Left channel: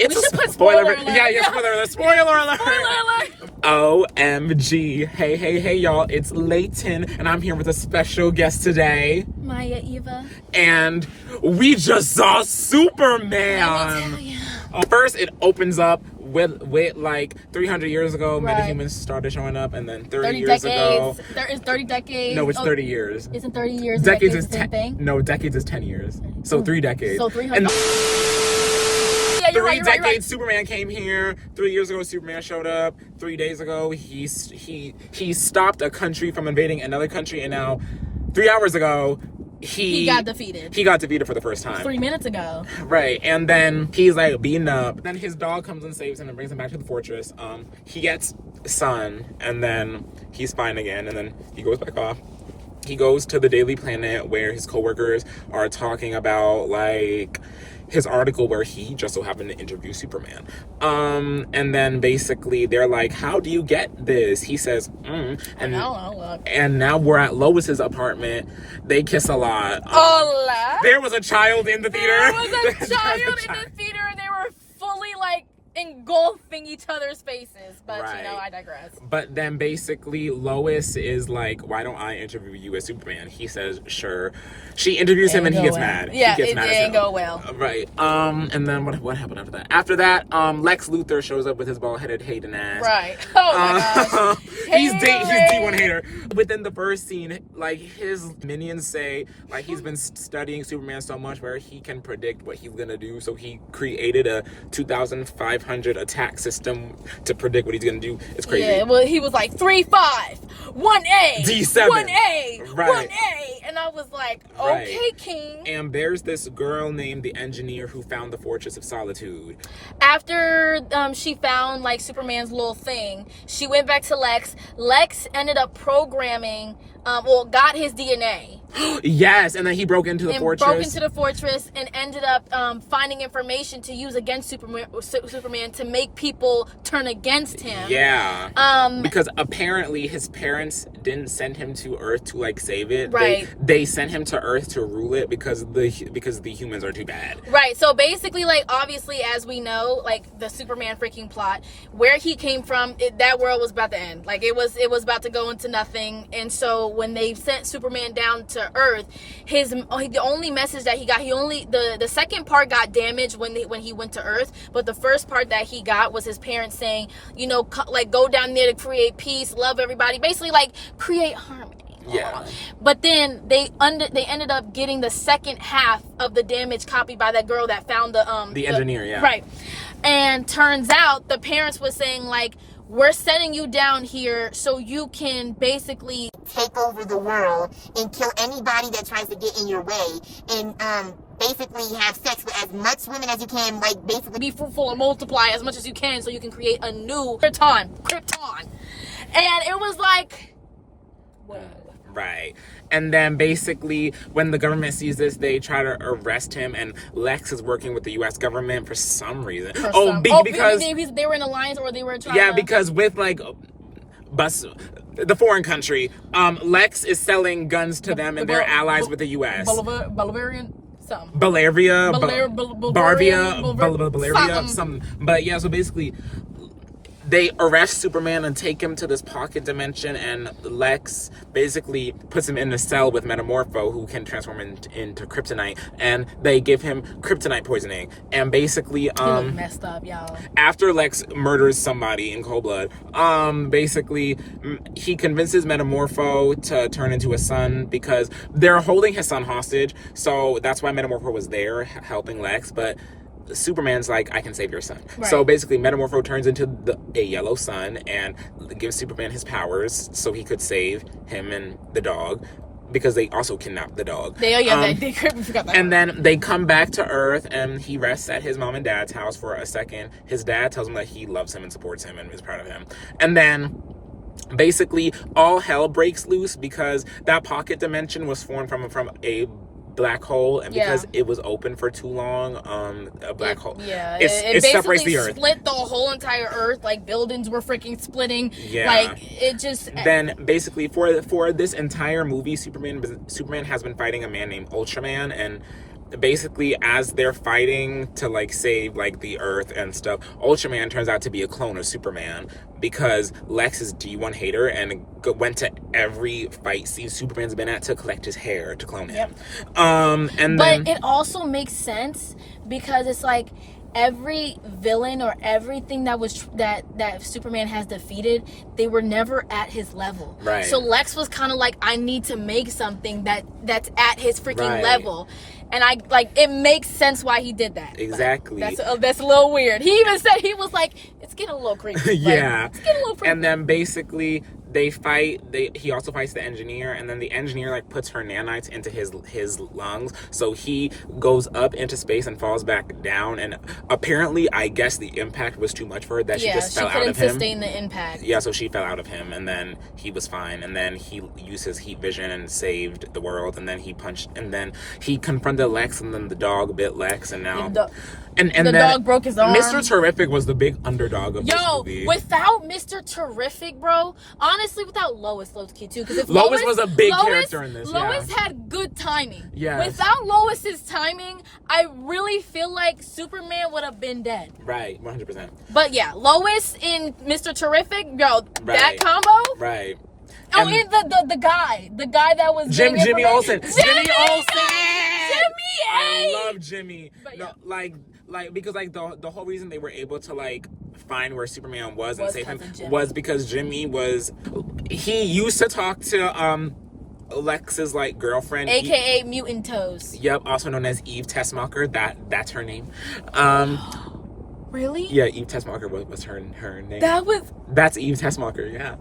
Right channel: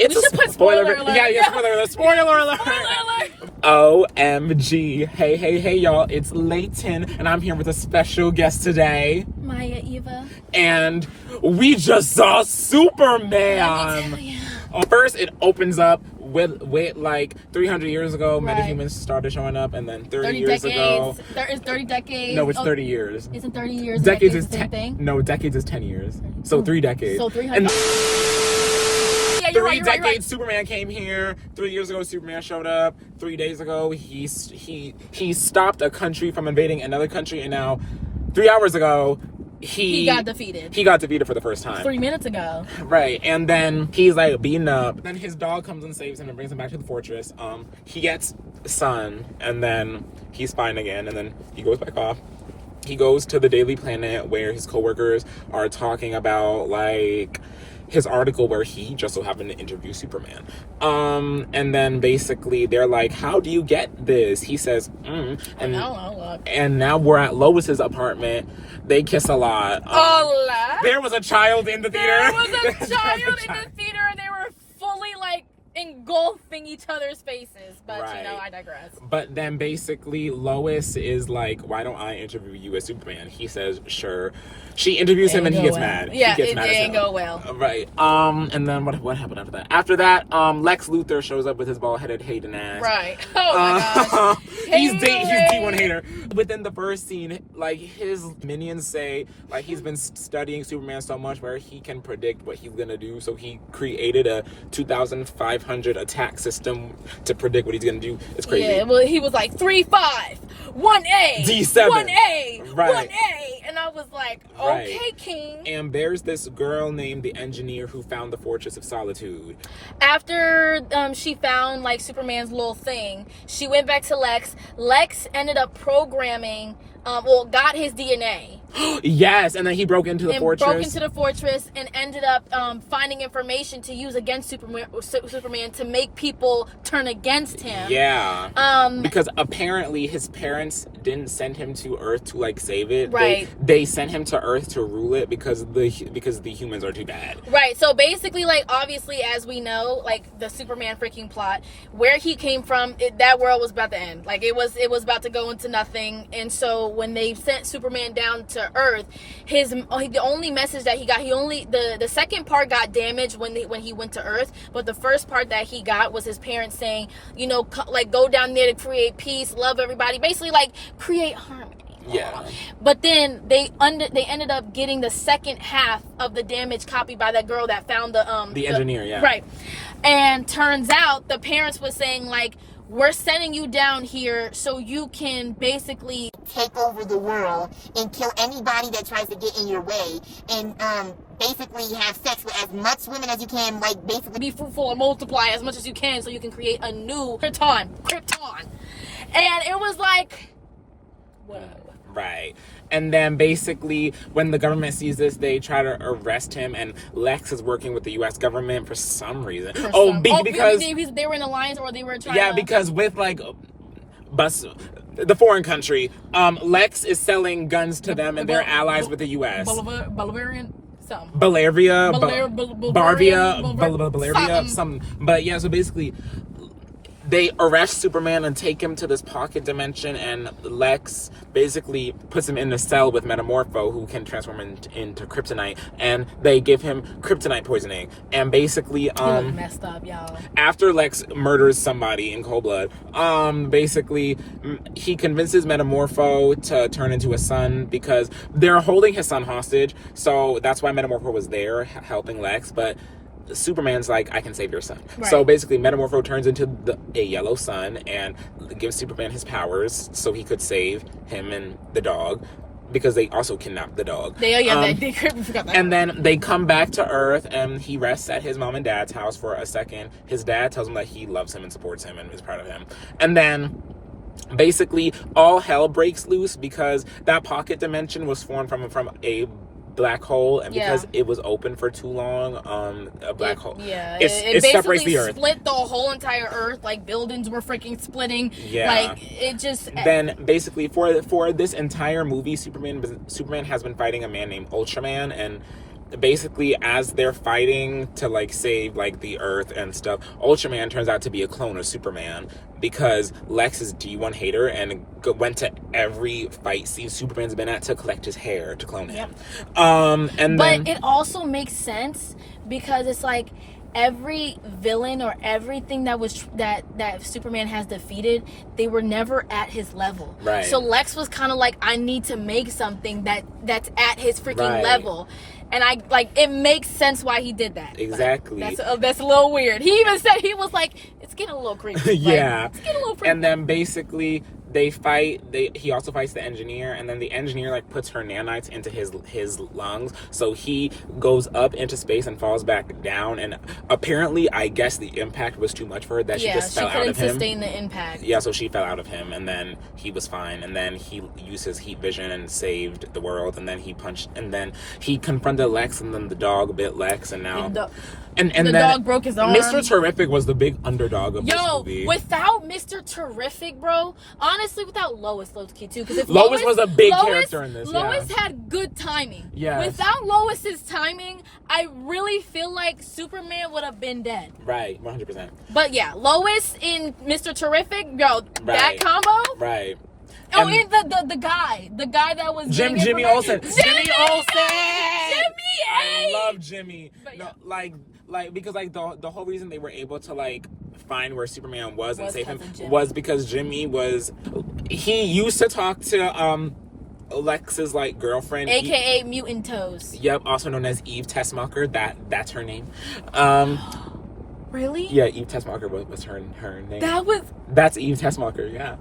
It's we should put spoiler alert. Yeah, spoiler alert. OMG. Hey, y'all. It's Laytin, and I'm here with a special guest today. Maya Eva. And we just saw Superman. First, it opens up with like 300 years ago, right. metahumans started showing up, and then 30 years ago. There is 30 decades. No, it's 30 years. Isn't 30 years? Decades is 10. No, decades is 10 years. So 3 decades. So 300. And three decades, Superman came here. 3 years ago, Superman showed up. 3 days ago, he stopped a country from invading another country, and now 3 hours ago, he got defeated. He got defeated for the first time. 3 minutes ago. Right, and then he's like beaten up. Then his dog comes and saves him and brings him back to the fortress. He gets sun, and then he's fine again, and then he goes back off. He goes to the Daily Planet where his coworkers are talking about like his article where he just so happened to interview Superman. And then basically they're like, how do you get this? He says, and now we're at Lois's apartment. They kiss a lot. There was a child in the theater. There was a child in the theater. They were fully like engulfing each other's faces, but right. You know, I digress. But then basically Lois is like, why don't I interview you as Superman? He says, sure. She interviews him and he gets mad. Yeah, he gets it mad didn't go well. Right. And then what happened after that? After that, Lex Luthor shows up with his bald-headed Hayden ass. Right. Oh my gosh. He's D1 hater. Within the first scene, like his minions say, like he's been studying Superman so much where he can predict what he's gonna do. So he created a 2,500 attack system to predict what he's gonna do. It's crazy. Yeah, well, he was like 3-5, 1A, D7, 1A, right. 1A, and I was like, okay, right. King. And there's this girl named the Engineer who found the Fortress of Solitude. After she found like Superman's little thing, she went back to Lex. Lex ended up programming, got his DNA. Yes, and then he broke into the fortress and ended up finding information to use against Superman to make people turn against him. Yeah. Because apparently his parents didn't send him to Earth to like save it. Right. They sent him to Earth to rule it because the humans are too bad. Right. So basically, like obviously, as we know, like the Superman freaking plot, where he came from, that world was about to end. Like it was about to go into nothing. And so when they sent Superman down to Earth, the only message that he got, the second part got damaged when he went to Earth, but the first part that he got was his parents saying, you know, like go down there to create peace, love everybody, basically like create harmony. Yeah. But then they ended up getting the second half of the damage copied by that girl that found the engineer, yeah. Right. And turns out the parents were saying like, we're setting you down here so you can basically take over the world and kill anybody that tries to get in your way, and basically have sex with as much women as you can, like basically be fruitful and multiply as much as you can so you can create a new Krypton. And it was like, whoa. Right. And then basically when the government sees this, they try to arrest him, and Lex is working with the U.S. government for some reason. Because they were in alliance, or they were trying to... because with like the foreign country, Lex is selling guns to them, and they're allies with the U.S. Bolivian? Bavaria, something. But yeah, so basically they arrest Superman and take him to this pocket dimension, and Lex basically puts him in a cell with Metamorpho, who can transform into kryptonite, and they give him kryptonite poisoning. And basically, messed up, y'all. After Lex murders somebody in cold blood, basically he convinces Metamorpho to turn into a son because they're holding his son hostage. So that's why Metamorpho was there helping Lex, but Superman's like, I can save your son. Right. So basically Metamorpho turns into a yellow sun and gives Superman his powers so he could save him and the dog, because they also kidnapped the dog. They forgot that. And then they come back to Earth, and he rests at his mom and dad's house for a second. His dad tells him that he loves him and supports him and is proud of him. And then basically all hell breaks loose because that pocket dimension was formed from a black hole, and because it was open for too long, a black hole. Yeah, it separates the Earth. Split the whole entire Earth. Like buildings were freaking splitting. Yeah, like it just. Then basically for this entire movie, Superman has been fighting a man named Ultraman, and basically, as they're fighting to like save like the Earth and stuff, Ultraman turns out to be a clone of Superman because Lex is D1 hater and went to every fight scene Superman's been at to collect his hair to clone him. But it also makes sense because it's like every villain or everything that Superman has defeated, they were never at his level. Right. So Lex was kind of like, I need to make something that's at his freaking level. And I like it makes sense why he did that. Exactly. Like, that's a little weird. He even said, he was like, it's getting a little creepy. Yeah. It's getting a little creepy. And then basically they fight. He also fights the engineer, and then the engineer like puts her nanites into his lungs, so he goes up into space and falls back down. And apparently, I guess the impact was too much for her that she just fell out of him. She couldn't sustain the impact. Yeah, so she fell out of him, and then he was fine. And then he used his heat vision and saved the world. And then he punched, and then he confronted Lex, and then the dog bit Lex, and now and the dog broke his arm. Mr. Terrific was the big underdog of this movie. Without Mr. Terrific, bro, honestly, without Lois low-key too, because if Lois was a big character in this. Lois had good timing. Yeah. Without Lois's timing, I really feel like Superman would have been dead. Right, 100%. But yeah, Lois in Mr. Terrific, yo, that combo. Right. Oh, and the guy that was Jimmy Olsen. Jimmy Olsen. Jimmy A. I love Jimmy. But no, like because like the whole reason they were able to like find where Superman was and save him was because Jimmy he used to talk to Lex's like girlfriend, aka Mutant Toes. Yep, also known as Eve Tessmacher. That's her name. Really? Yeah, Eve Tessmacher was her name. That's Eve Tessmacher, yeah.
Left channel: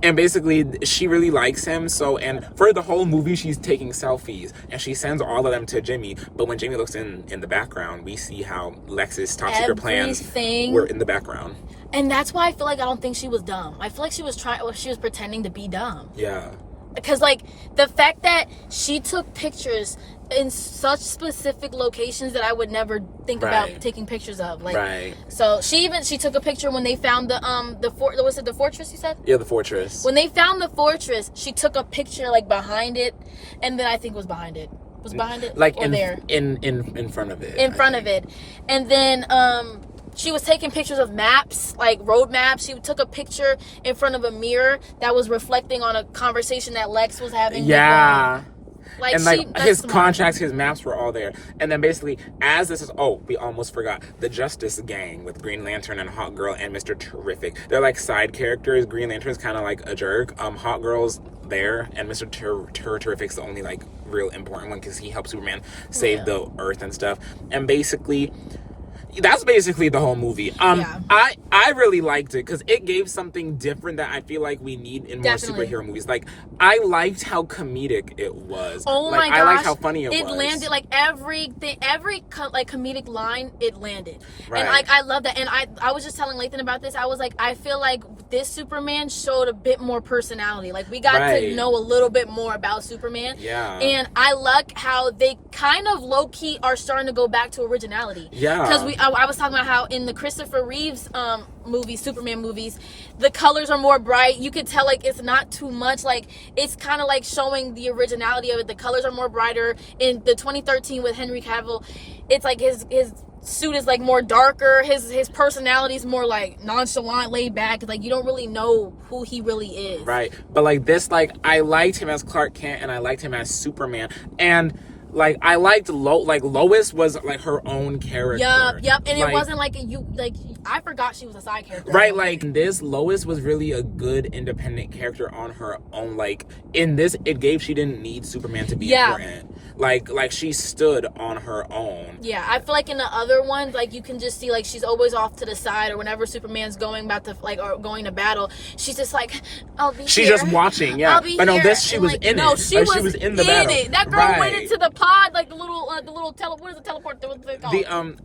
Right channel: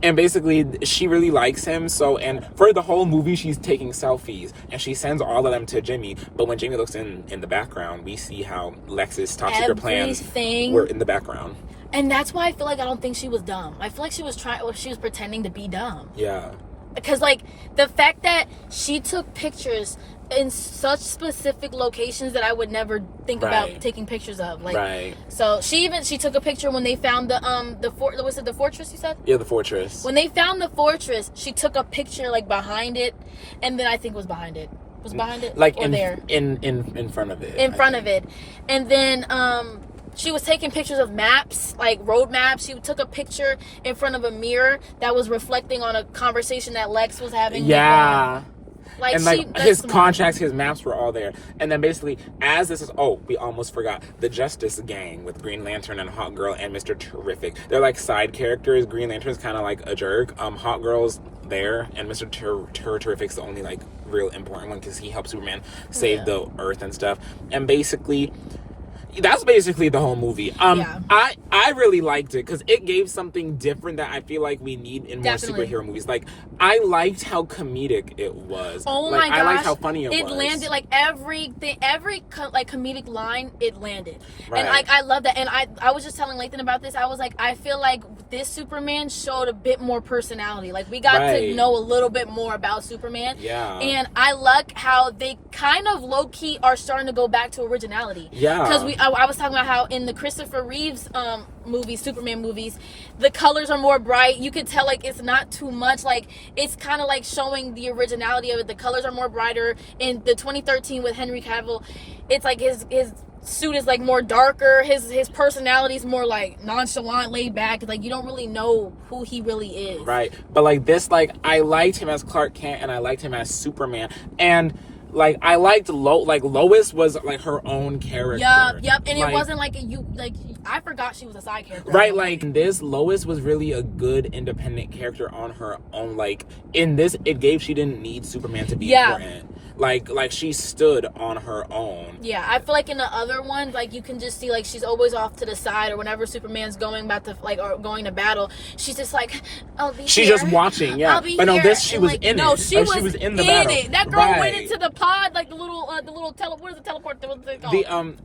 And basically, she really likes him, and for the whole movie, she's taking selfies, and she sends all of them to Jimmy, but when Jimmy looks in the background, we see how Lex's top secret plans were in the background. And that's why I feel like I don't think she was dumb. I feel like she was pretending to be dumb. Yeah. Because, like, the fact that she took pictures in such specific locations that I would never think about taking pictures of. Like, so she took a picture when they found was it the fortress you said? Yeah, the fortress. When they found the fortress, she took a picture, like, behind it, and then I think was behind it. Was behind it? Like, or in front of it. In front of it. And then, she was taking pictures of maps, like road maps. She took a picture in front of a mirror that was reflecting on a conversation that Lex was having. Yeah. Like, and like his contracts, his maps were all there. And then basically, as this is, we almost forgot, the Justice Gang with Green Lantern and Hawk Girl and Mr. Terrific. They're like side characters. Green Lantern's kind of like a jerk. Hawk Girl's there, and Mr. Terrific's the only like real important one because he helped Superman save the Earth and stuff. And basically, that's basically the whole movie. I really liked it because it gave something different that I feel like we need in more superhero movies. Like, I liked how comedic it was. Oh like, my gosh. I liked how funny it was. It landed, like, every like comedic line, it landed. Right. And I love that. And I was just telling Layton about this. I was like, I feel like this Superman showed a bit more personality. Like, we got to know a little bit more about Superman. Yeah. And I like how they kind of low-key are starting to go back to originality. Yeah. Because I was talking about how in the Christopher Reeves movies, Superman movies, the colors are more bright. You could tell, like, it's not too much. Like, it's kind of like showing the originality of it. The colors are more brighter. In the 2013 with Henry Cavill, it's like his suit is like more darker. His personality is more like nonchalant, laid back. Like, you don't really know who he really is. Right. But like this, like, I liked him as Clark Kent and I liked him as Superman. And like, I liked Lois was like her own character. Yep. And like, it wasn't like I forgot she was a side character. Right, like this, Lois was really a good independent character on her own. Like, in this, she didn't need Superman to be important. Like she stood on her own. Yeah, I feel like in the other ones, like, you can just see, like, she's always off to the side, or whenever Superman's going to battle, she's just like, I'll be she's here. just watching, yeah. I'll be but no, here. this she was like, in no, it. she was in the battle. It. That girl went into the pod, like the little what is the teleport? What's it called?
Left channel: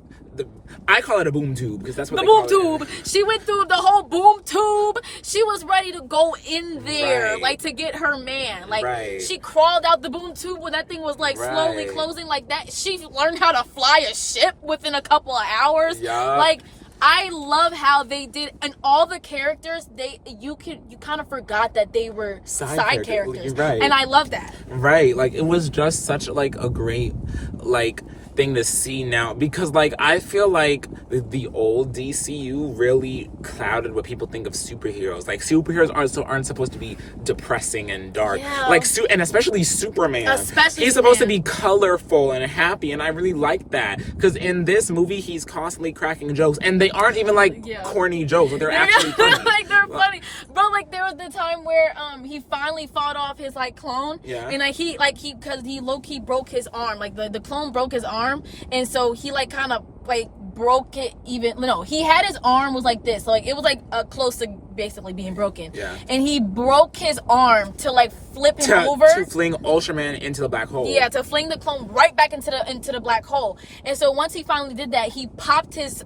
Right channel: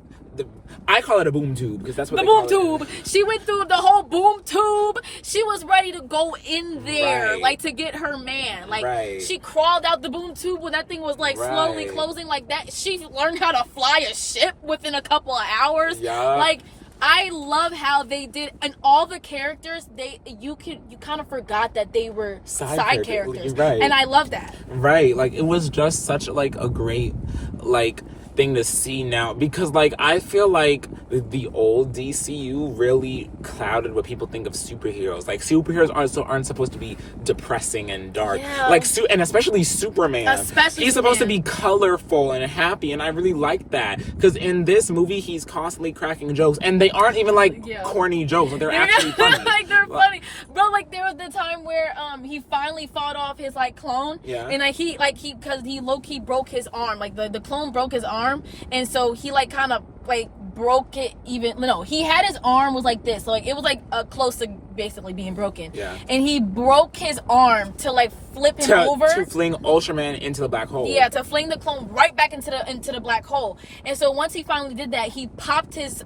I call it a boom tube because that's what the they boom call tube. She went through the whole boom tube. She was ready to go in there, like, to get her man. Like, she crawled out the boom tube when that thing was like slowly closing, like that. She learned how to fly a ship within a couple of hours. Yeah. Like, I love how they did, and all the characters, you kind of forgot that they were side characters. Right. And I love that. Right. Like, it was just such like a great, like, thing to see now, because like I feel like the old DCU really clouded what people think of superheroes. Like superheroes aren't supposed to be depressing and dark. Yeah. Like and especially Superman. He's supposed to be colorful and happy, and I really like that, because in this movie he's constantly cracking jokes, and they aren't even like corny jokes, but they're actually funny. Like they're funny, bro. Like there was the time where he finally fought off his like clone, and like he because he low-key broke his arm. Like the clone broke his arm, and so he like kind of like broke it even. No, he had his arm was like this, so like it was like close to basically being broken. Yeah. And he broke his arm to like flip him over to fling Ultraman into the black hole. Yeah, to fling the clone right back into the black hole. And so once he finally did that, he popped his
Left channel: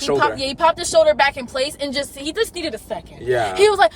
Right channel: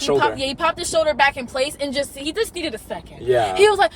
shoulder. He popped his shoulder back in place, and he just needed a second. Yeah. He was like.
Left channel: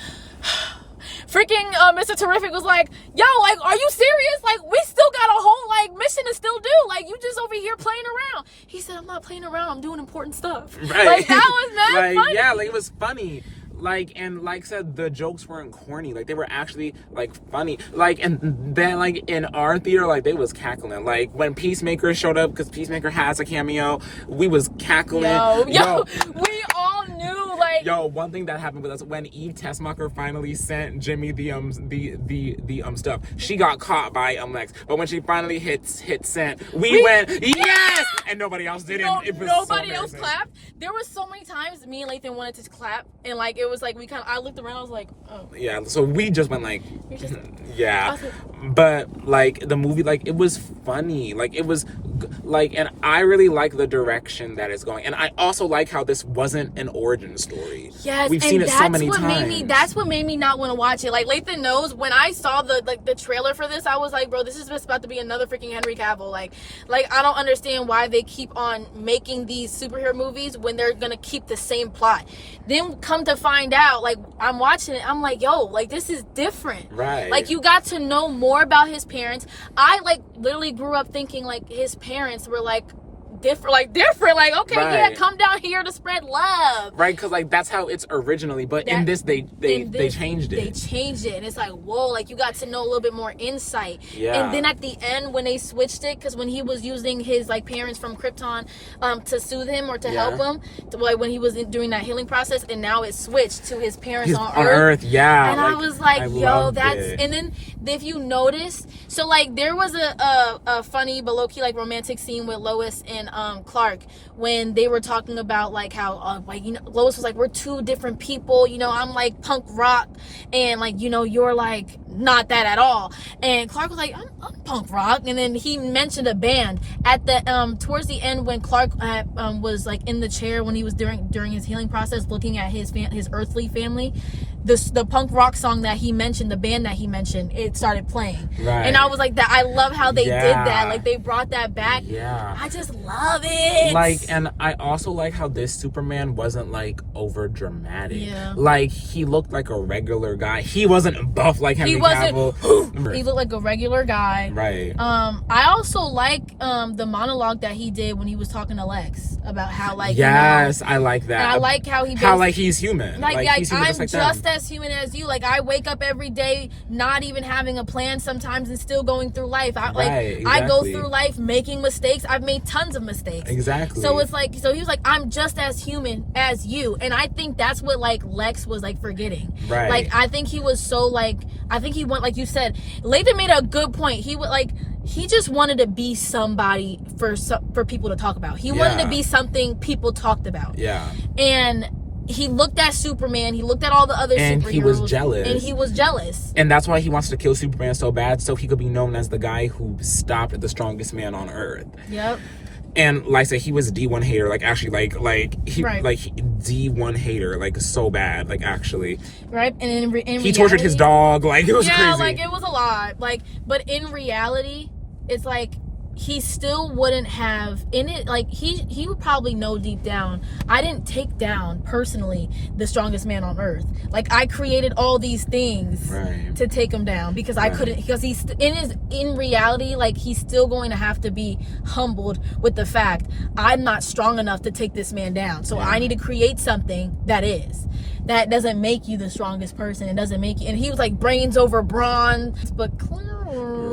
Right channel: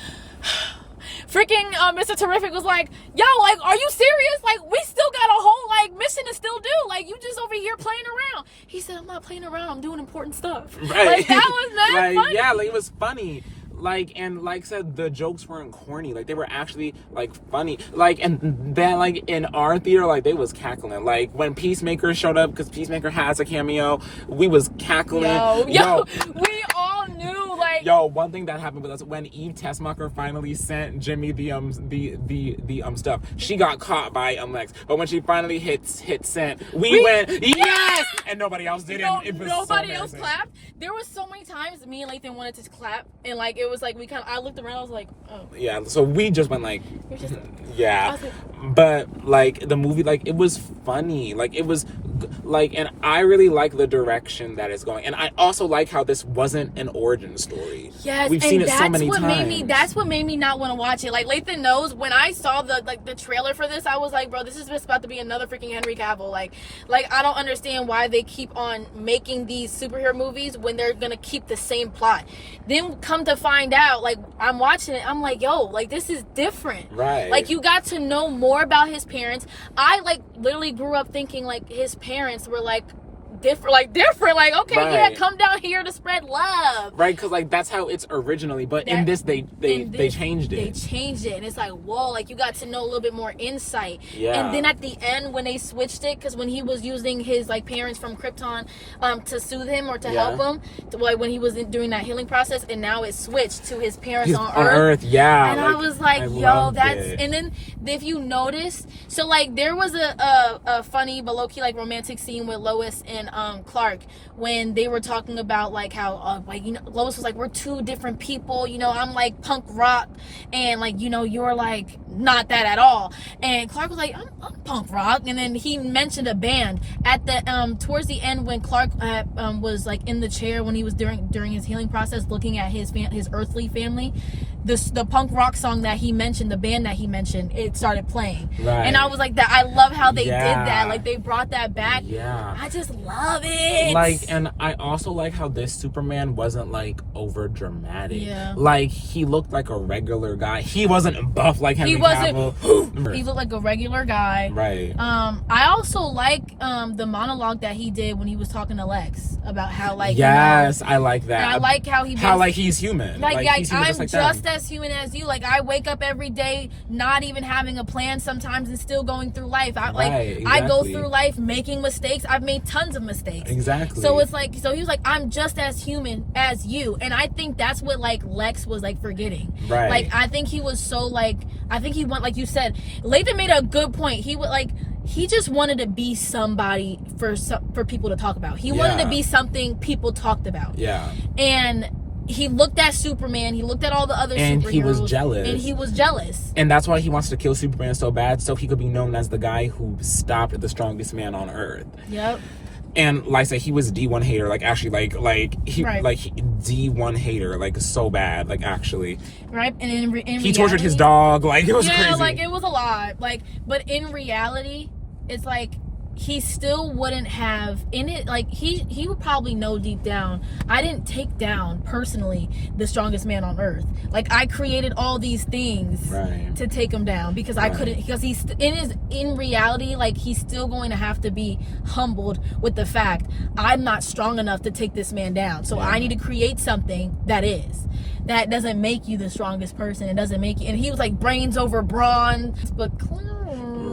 Freaking Mr. Terrific was like, yo, like, are you serious? Like, we still got a whole, like, mission to still do. Like, you just over here playing around. He said, I'm not playing around. I'm doing important stuff. Right. Like, that was not funny. Yeah, like, it was funny. Like, and like I said, the jokes weren't corny. Like, they were actually, like, funny. Like, and that, like, in our theater, like, they was cackling. Like, when Peacemaker showed up, because Peacemaker has a cameo, we was cackling. Yo, we all knew, like... Yo, one thing that happened with us, when Eve Tessmacher finally sent Jimmy the stuff, she got caught by Lex. But when she finally hit send, we went, yes! And nobody else did. Nobody else clapped. There was so many times me and Layton wanted to clap, and like it was like I looked around, I was like, oh. Yeah, so we just went like, yeah. Like, but like the movie, like it was funny. Like it was like, and I really like the direction that it's going. And I also like how this wasn't an origin story. Yes, we've seen it so many times. That's what made me not want to watch it. Like Layton knows, when I saw the trailer for this, I was like, bro, this is just about to be another freaking Henry Cavill. Like I don't understand why they keep on making these superhero movies when they're gonna keep the same plot. Then come to find out, like I'm watching it, I'm like, yo, like this is different. Right. Like you got to know more about his parents. I like literally grew up thinking like his parents were like different, like okay, yeah, come down here to spread love, right? Because like that's how it's originally, but in this they changed it. They changed it, and it's like, whoa, like you got to know a little bit more insight. Yeah. And then at the end when they switched it, because when he was using his like parents from Krypton to soothe him or to help him, like when he was doing that healing process, and now it switched to his parents on Earth. Yeah. And like, I was like, yo, that's it. And then if you notice, so like there was a funny but low-key like romantic scene with Lois and Clark when they were talking about like how like, you know, Lois was like, we're two different people, you know, I'm like punk rock, and like, you know, you're like not that at all. And Clark was like, I'm punk rock. And then he mentioned a band at the towards the end when Clark was like in the chair when he was during his healing process looking at his earthly family. The punk rock song that he mentioned, the band that he mentioned, it started playing. Right. And I was like, that I love how they did that. Like they brought that back. Yeah. I just love it. Like, and I also like how this Superman wasn't like over dramatic. Yeah. Like he looked like a regular guy. He wasn't buff like Henry Cavill. He looked like a regular guy. Right. I also like the monologue that he did when he was talking to Lex about how like, yes, you know, I like that. and I like how like he's human. Like he's human I'm just as human as you. Like I wake up every day not even having a plan sometimes and still going through life. I go through life making mistakes. I've made tons of mistakes. Exactly. So it's like, so he was like, I'm just as human as you. And I think that's what like Lex was like forgetting. Right. Like I think he was so like, I think he went, like you said, Layton made a good point. He would like, he just wanted to be somebody for people to talk about. He wanted to be something people talked about. Yeah. And he looked at Superman, he looked at all the other superheroes. And he was jealous. And he was jealous. And that's why he wants to kill Superman so bad, so he could be known as the guy who stopped the strongest man on Earth. Yep. And like I said, he was D1 hater, like actually D1 hater, like so bad, like actually. Right. And in he tortured his dog, like it was crazy. Yeah, like it was a lot. Like, but in reality, it's like he still wouldn't have in it, like he would probably know deep down, I didn't take down personally the strongest man on Earth. Like I created all these things to take him down because I couldn't, because he's in reality, like he's still going to have to be humbled with the fact I'm not strong enough to take this man down. So I need to create something that doesn't make you the strongest person. It doesn't make you, and he was like brains over brawn, but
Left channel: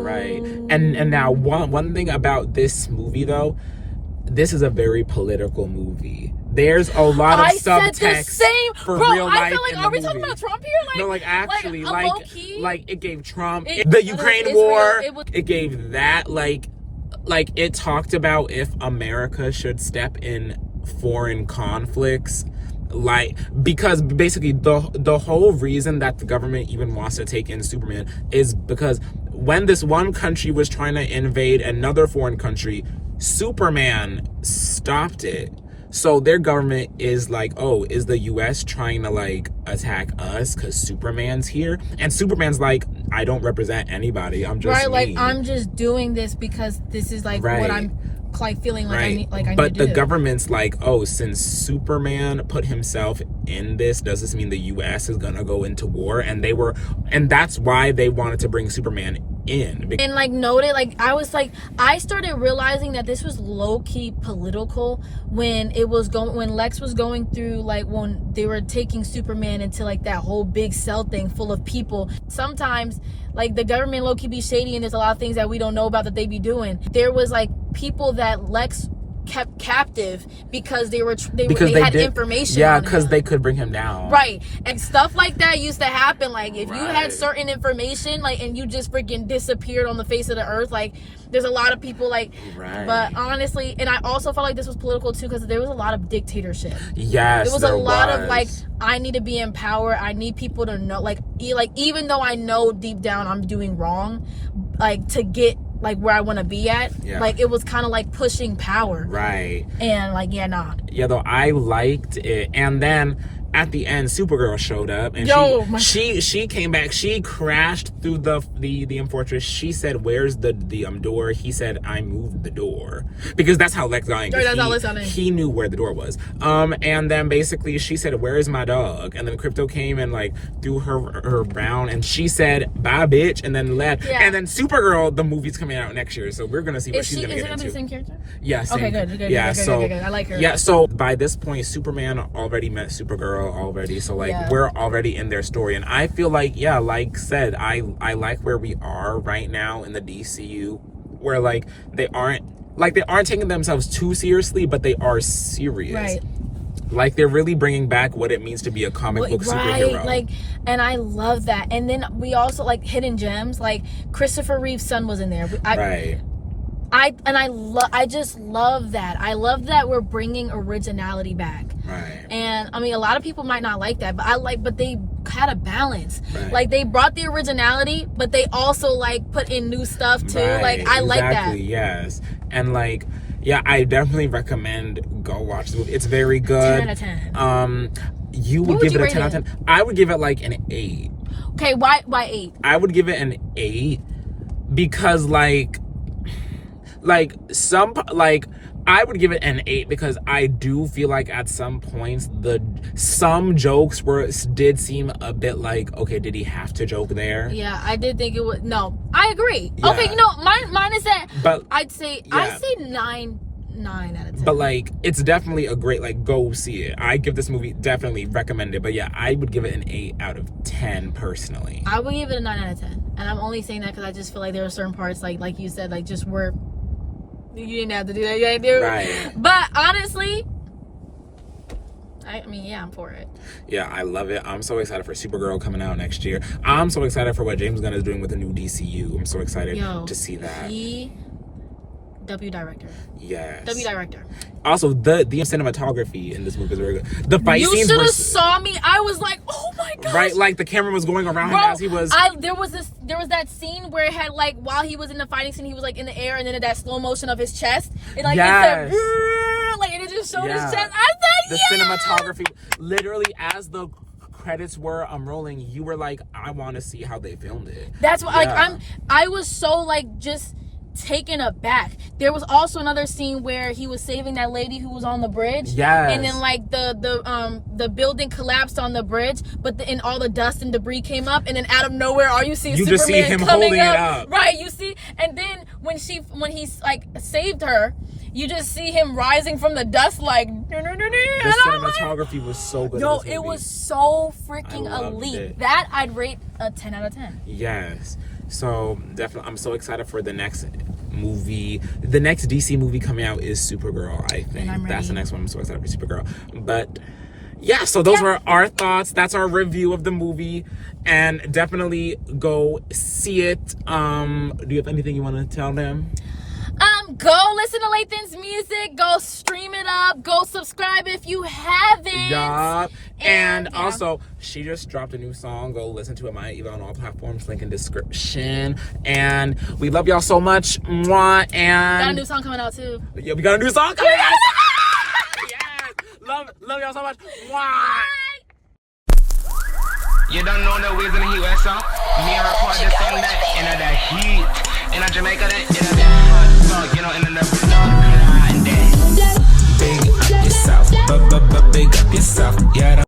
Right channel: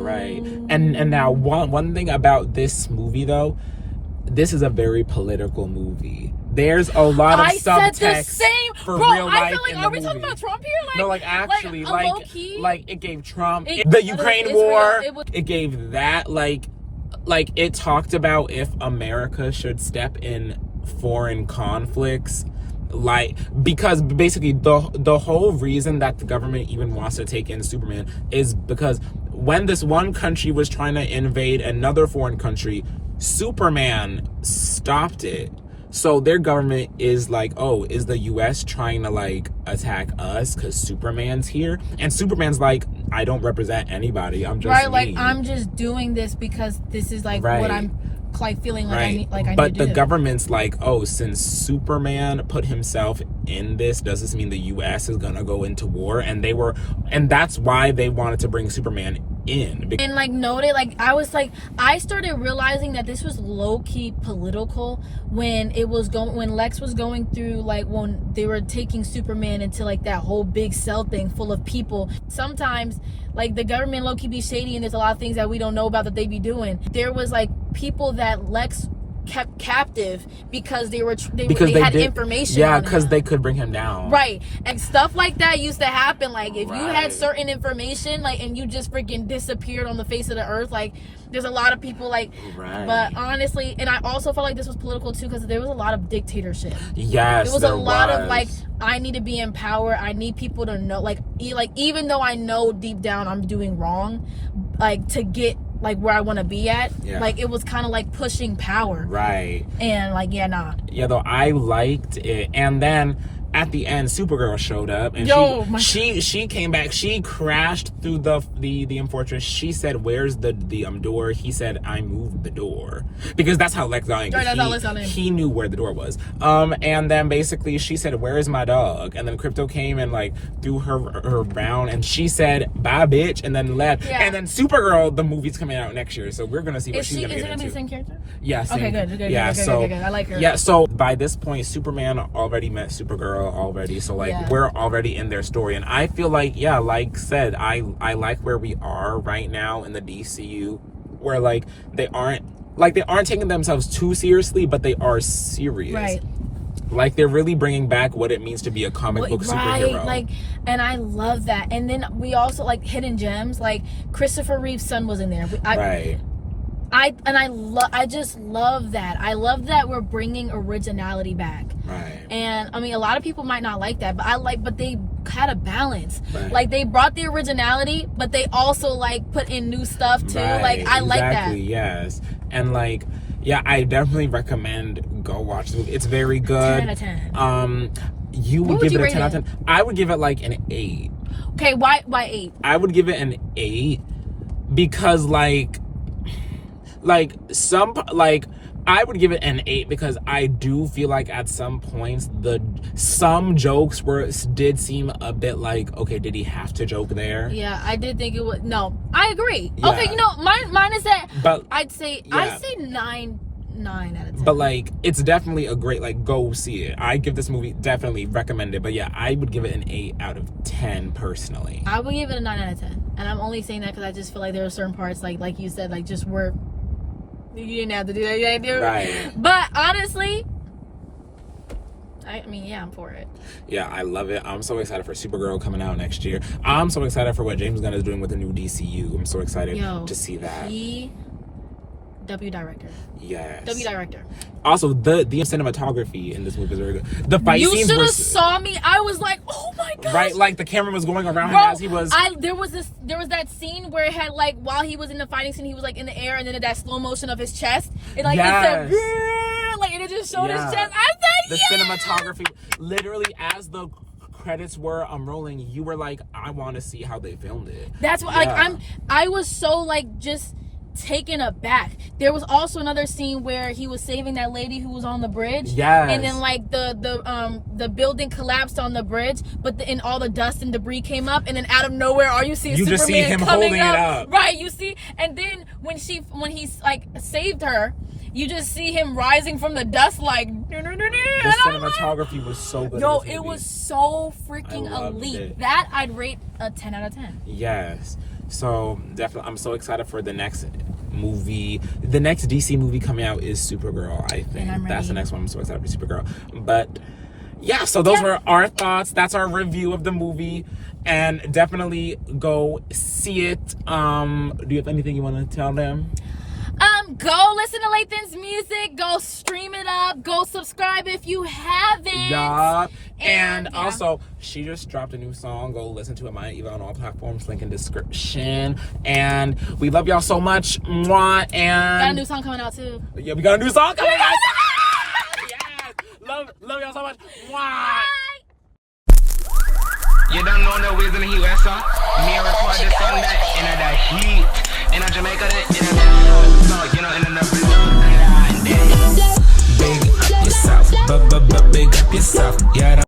Right. And now one thing about this movie though, this is a very political movie. There's a lot of subtext for real life. I feel like, in the movie. Talking about Trump here? Like, no, like actually, like it gave Trump the Ukraine war. It gave that like it talked about if America should step in foreign conflicts. Like, because basically the whole reason that the government even wants to take in Superman is because when this one country was trying to invade another foreign country, Superman stopped it. So their government is like, oh, is the US trying to like attack us because Superman's here? And Superman's like, I don't represent anybody. I'm just me. Like I'm just doing this because this is like what I'm like feeling like I need I but need to the do. Government's like, oh, since Superman put himself in this, does this mean the US is gonna go into war? And that's why they wanted to bring Superman in. And like noted, like I started realizing that this was low-key political when Lex was going through, like when they were taking Superman into like that whole big cell thing full of people. Sometimes like the government low-key be shady, and there's a lot of things that we don't know about that they be doing. There was like people that Lex kept captive because they had information. Yeah, because they could bring him down. Right. And stuff like that used to happen. Like if you had certain information, like, and you just freaking disappeared on the face of the earth, like there's a lot of people like but honestly, and I also felt like this was political too, because there was a lot of dictatorship. Yes, there was a lot of like, I need to be in power, I need people to know, like even though I know deep down I'm doing wrong, like to get like where I want to be at, like it was kind of like pushing power, right? And like though I liked it. And then at the end, Supergirl showed up, and she came back. She crashed through the fortress. She said, "Where's the door?" He said, "I moved the door," because that's how Lex got in. He knew where the door was. And then basically she said, "Where is my dog?" And then Crypto came and like threw her brown, and she said, "Bye, bitch," and then left. Yeah. And then Supergirl, the movie's coming out next year, so we're gonna see what she's gonna get into. Is it gonna be the same character? Yeah. Same. Okay, good. Yeah. Good. I like her. Yeah. So by this point, Superman already met Supergirl already, so like we're already in their story, and I feel like like said, I like where we are right now in the DCU, where like they aren't taking themselves too seriously, but they are serious. Right. Like they're really bringing back what it means to be a comic book superhero. Like, and I love that. And then we also like hidden gems, like Christopher Reeve's son was in there. I just love that. I love that we're bringing originality back. Right. And I mean, a lot of people might not like that, but they had a balance. Right. Like they brought the originality, but they also like put in new stuff too. Right. Like I like that. Exactly. Yes. And like, yeah, I definitely recommend go watch the movie. It's very good. 10 out of 10. You would give it a 10 out of 10. I would give it like an 8. Okay, why 8? I would give it an 8 because I would give it an 8 because I do feel like at some points some jokes did seem a bit like, okay, did he have to joke there? Yeah, I did think it would. No, I agree. Yeah. Okay, mine is that. But I'd say 9 out of 10. But like, it's definitely a great, like, go see it. I give this movie, definitely recommend it. But yeah, I would give it an 8 out of 10 personally. I would give it a 9 out of 10, and I'm only saying that because I just feel like there are certain parts, like you said, like just where you didn't have to do that. You had to do it. Right. But honestly, I mean, yeah, I'm for it. Yeah, I love it. I'm so excited for Supergirl coming out next year. I'm so excited for what James Gunn is doing with the new DCU. I'm so excited to see that. W director. Yes. W director. Also, the cinematography in this movie is very good. The fight scenes were... You should have saw me. I was like, oh my gosh. Right, like the camera was going around him as he was... There was that scene where it had like, while he was in the fighting scene, he was like in the air, and then that slow motion of his chest. And like, it said, like, and it just showed his chest. I said, the cinematography, literally as the credits were rolling, you were like, I want to see how they filmed it. That's what, I was so like, just taken aback. There was also another scene where he was saving that lady who was on the bridge. Yes. And then like the building collapsed on the bridge, but and all the dust and debris came up, and then out of nowhere, you see Superman just see him holding it up. Right, you see, and then when he's like saved her, you just see him rising from the dust like. The cinematography was so good. Yo, it was so freaking elite. That I'd rate a 10 out of 10. Yes. So definitely, I'm so excited for the next movie. The next DC movie coming out is Supergirl, I think. That's the next one. I'm so excited for Supergirl. But yeah, so those were our thoughts. That's our review of the movie. And definitely go see it. Do you have anything you want to tell them? Go listen to Layton's music. Go stream it up. Go subscribe if you haven't. Yup. And also, she just dropped a new song. Go listen to it, Maya Eva, on all platforms. Link in description. And we love y'all so much. Mwah. And got a new song coming out too. Yeah, we got a new song coming out. Yes. Love y'all so much. Mwah. You don't know the ways in the heat, west song. Me record the song that in the heat. In a Jamaica, in a hot song, you know, in the blood. Big up yourself, big up yourself, yeah.